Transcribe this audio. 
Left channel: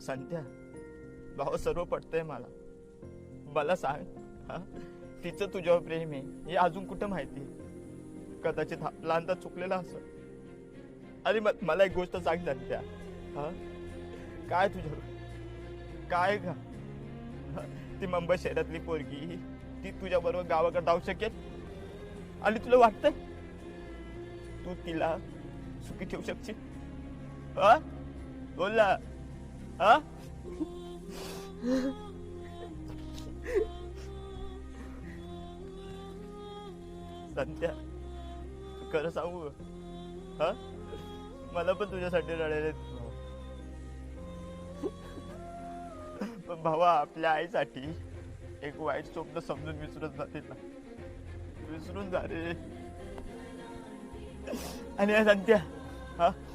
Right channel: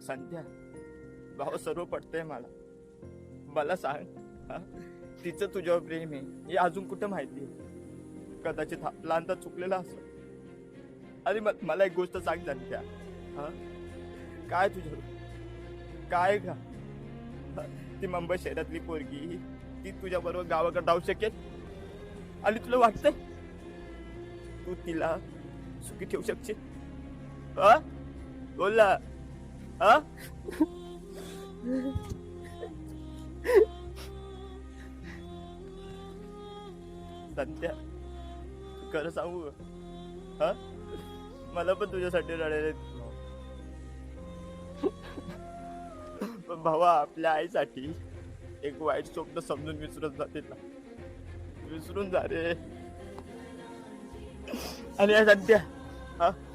संध्या भाऊ सर्व पटतंय मला. मला सांग, हा? तिचं तुझ्यावर प्रेम आहे हे अजून कुठं माहिती? कदाचित लहानदा चुकलेला असं. आणि मला एक गोष्ट सांग संध्या, हा? काय तुझं काय का ती मुंबई शहरातली पोरगी ती तुझ्या बरोबर गावाकडे जाऊ शकेल? आणि तुला वाटतं तू तिला सुखी ठेवू शकशील? बोल ना. हा? सत्या खरं सांगू, हा? मला पण तुझ्यासाठी रडायला भावा. आपल्या आईसाठी एक वाईट स्वप्न समजून विसरून जाते ना. विसरून जा रे. आणि सत्या, हा?